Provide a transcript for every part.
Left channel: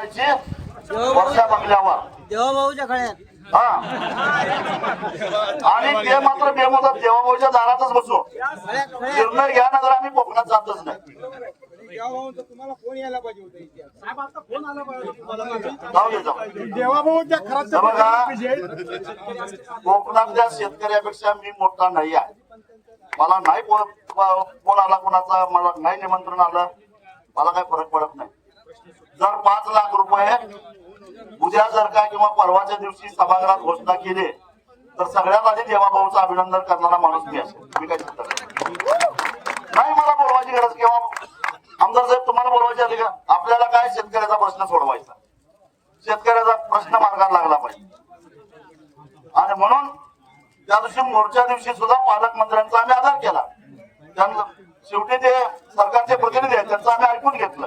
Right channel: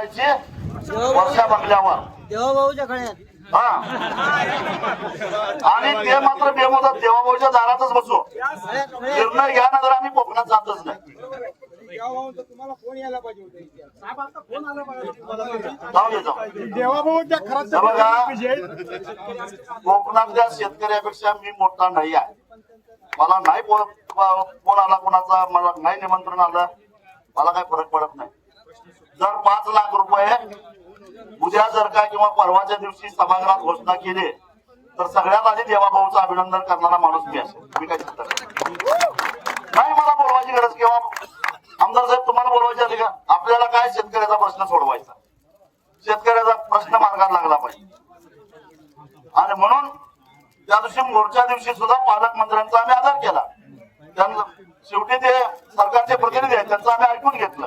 वर्षा बंगल्यावर देवाभाऊच्या खळ्यात आणि ते मात्र बेमुदत देवाभाऊच्या दारातच बसू. निर्णय घ्या ना, तर आम्ही कोकणात जातच नाही. तुम्हाला फोन यायला पाहिजे होता. देवाभाऊच्या खरंच कोकणातल्या शेतकऱ्यापेक्षा मी मोठा नाही आहे. मला नाही फोन आला कोणाचा, मला नाही निमंत्रण आलं, मला काय फरक पडत नाही. जर 5 लाख रुपये उद्या जर का किंवा परवाच्या दिवशी सभागृहात घोषणा केली तर सगळ्यात आधी देवाभाऊचं अभिनंदन करणारा माणूस मी असेल. मी काय सांगतो नाही, मला बोलवायची गरज किंवा आमदार साहेब तुम्हाला बोलवायचे आले का? आपल्याला काय शेतकऱ्याचा प्रश्न सोडवायचा, शेतकऱ्याचा प्रश्न मार्गात लागला पाहिजे. आणि म्हणून त्या दिवशी मोर्चा दिवशी सुद्धा पालकमंत्र्यांचा आम्ही आदर केला. त्यांना शेवटी ते सरकारचे प्रतिनिधी आहेत, त्यांचं आम्ही ऐकून घेतलं.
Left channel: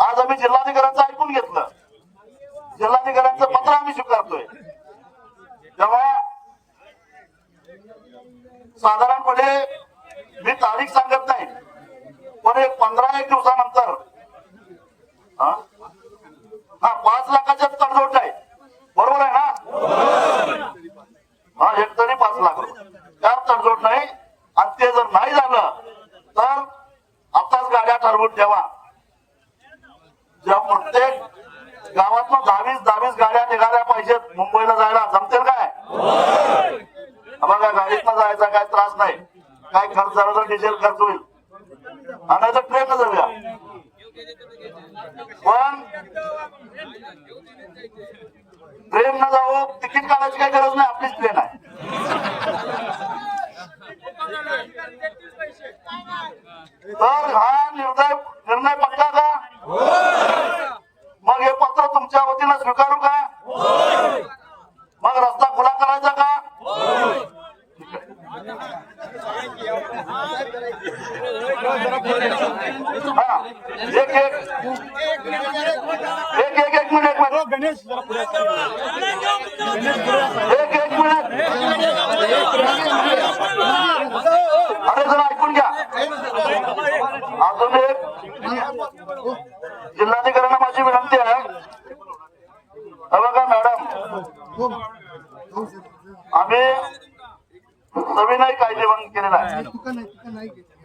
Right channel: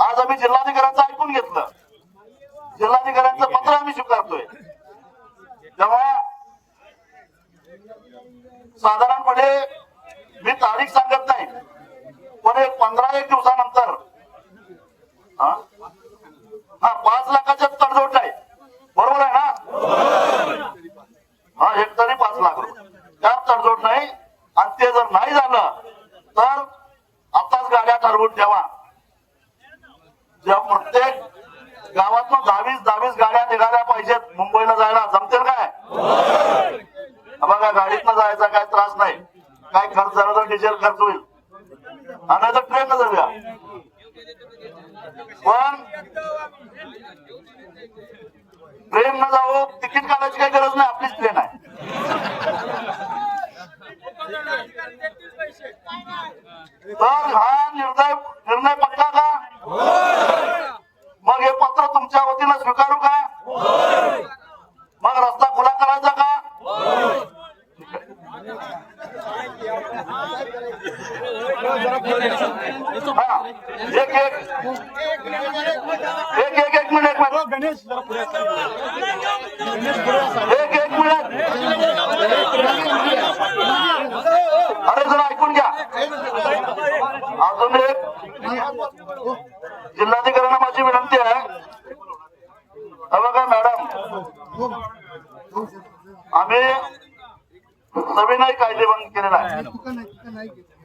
आज आम्ही जिल्हाधिकाऱ्यांचं ऐकून घेतलं. जिल्हाधिकाऱ्यांचं पत्र आम्ही स्वीकारतोय. तेव्हा साधारणपणे मी तारीख सांगत नाही, पण 15-1 दिवसानंतर 5 लाखाच्या तडजोड आहे. बरोबर आहे ना? एक तरी 5 लाख त्यात तडजोड नाही. आणि ते जर नाही झालं तर आताच गाड्या ठरवून ठेवा. ज्या प्रत्येक गावातून 22 गाड्या निघाल्या पाहिजेत मुंबईला जायला. जमतील काय? बघा, गाडीतनं जायचा काय त्रास नाही. काय खर्च झाला तर डिझेल खर्च होईल, आणि तर ट्रेन जाऊया. पण ट्रेन न जावं, तिकीट काढायची काही गरज नाही, आपलीच ट्रेन आहे. तर हा निर्णय पक्का का? मग हे पत्र तुमच्या वतीनं स्वीकारू का? मग रस्ता खुला करायचा का? एक मिनिट गणेश, जरा पुढे एक मिनिट. अरे जरा ऐकून घ्या. अजून एक जिल्हाधिकाऱ्यांना माझी विनंती आहे. बघा मॅडम, आम्ही सविनय कायदे बंद केलेला आहे.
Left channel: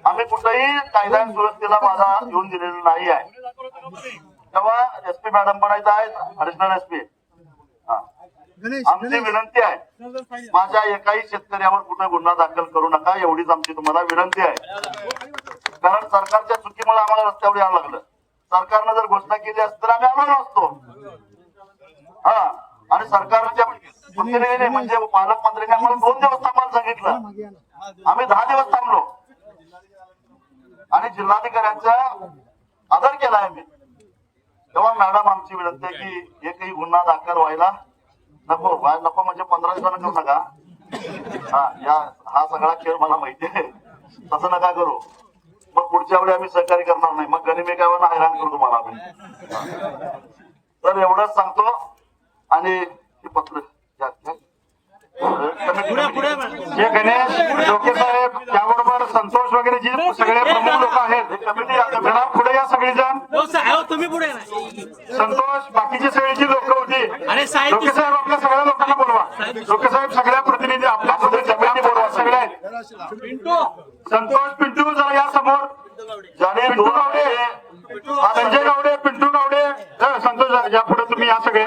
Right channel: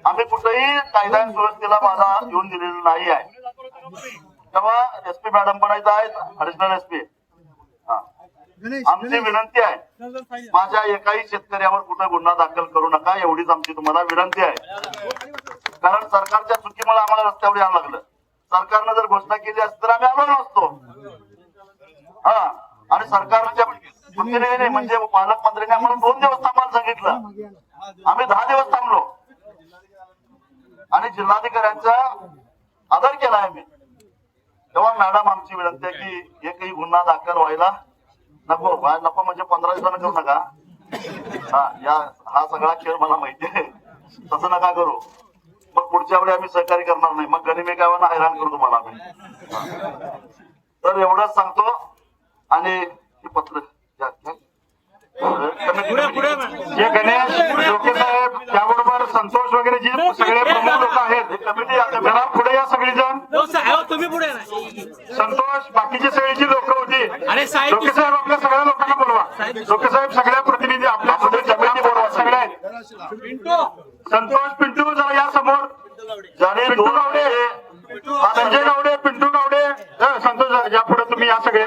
आम्ही कुठेही कायदा सुव्यवस्थेला बाधा येऊन दिलेला नाही आहे. तेव्हा SP मॅडम पण आहेत, ऍडिशनल SP. आमची विनंती आहे, माझ्या एकाही शेतकऱ्यावर कुठे गुन्हा दाखल करू नका, एवढीच आमची तुम्हाला विनंती आहे. कारण सरकारच्या चुकीमुळे आम्हाला रस्त्यावर यावं लागलं. सरकारनं जर घोषणा केली असती तर आम्ही आलो नसतो. आणि सरकारच्या प्रतिनिधीने म्हणजे पालकमंत्र्यांनी आम्हाला 2 दिवस थांबायला सांगितलं. आम्ही 10 दिवस थांबलो आणि जिल्हाधिकाऱ्यांचा आदर केला आम्ही. तेव्हा मॅडम, आमची विनंती आहे की एकही गुन्हा दाखल व्हायला नको. नको म्हणजे 15 दिवसांना करू नका. हा सगळा खेळ मला माहिती आहे, तसं नका करू. मग पुढच्या वेळी आम्ही सहकार्य करणार नाही. मग गणिमी काय हैराण करू तुम्हाला आम्ही. तर एवढंच सांगतो. आणि पत्र गणेश लोकसाहेब, त्याबरोबर संतोष वगैरे जे सगळे प्रमुख लोक आहेत पुढे या. सगळेजण तुम्ही पुढे संतोष, बाकीची सगळी लोक होती. लोकसाहेब आपल्या सगळ्या लोकांना बोलवा. लोकसाहेब सगळ्या प्रतिनिधी आपल्या जमिनी बोलवा. सगळे संतोष, पिंटू जरा या समोर. जाणे गावडे, संजय गावडे, पिंटू गावडे, संतोष या पुढे तुम्ही या. सगळे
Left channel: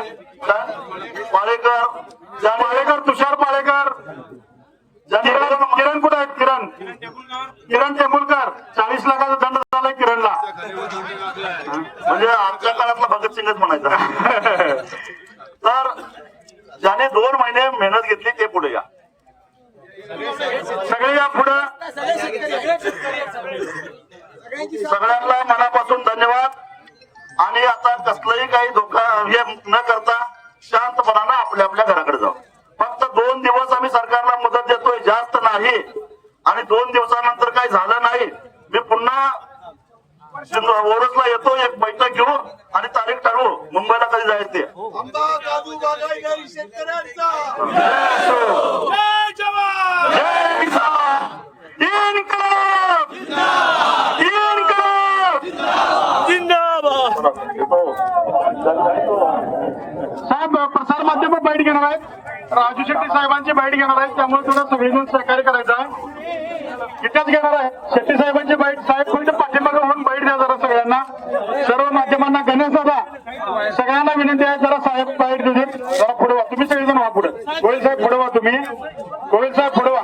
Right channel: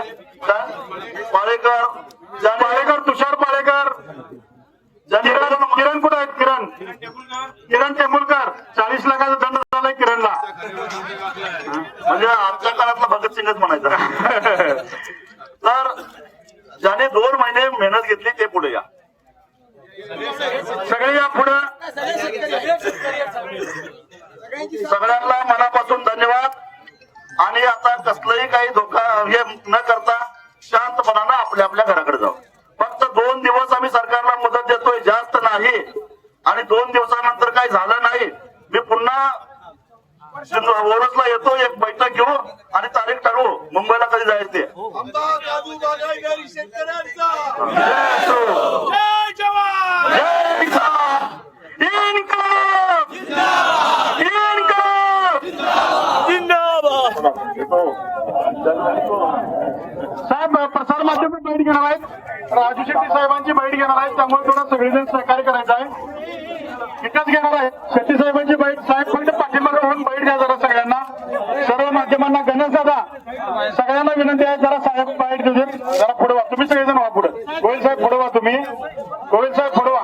पाळेकर, तुषार पाळेकर, किरण कुठे आहेत? किरण टेंबुलकर. 40 लाखाचा दंड झालाय किरणला. म्हणजे आमच्या काळातला भगतसिंगच म्हणायचा. तर ज्याने 2 महिने मेहनत घेतली ते पुढे या. सगळे या पुढे. सगळ्यांना मनापासून धन्यवाद. आणि आता कसलंही काही धोका हे न करता शांतपणानं आपल्या आपल्या घराकडे जाऊ. फक्त 2 दिवस आम्ही सरकारला मदत देतोय, जास्त नाही. आणि 2 दिवसानंतर काही झालं नाही, मी पुन्हा ओरसला येतो, एक बैठक घेऊ आणि तारीख ठरवू मुंबईला कधी जायचं ते. जिंदाबाद. साहेब प्रसार माध्यम बाईट घेणार आहेत, राजू शेट्टी साहेबांची बाईट घेणार आहेत, त्यामुळे थोडं सगळेजण सहकार्य करायचं आहे. इथेच घेणार आहे शेट्टी साहेबांची बाईट. साहेब फक्त पाठीमागे होऊन बाईट द्या जरा सगळ्यांना, सर्व माध्यमांना. गणेश दादा सगळ्यांना विनंती आहे जरा साहेब बाईट देऊ देत. जरा पुढे व्हा, तुम्ही सगळेजण व्हा पुढे. गोयल साहेब पुढे व्हा, तुम्ही गोयल साहेब पुढे व्हा.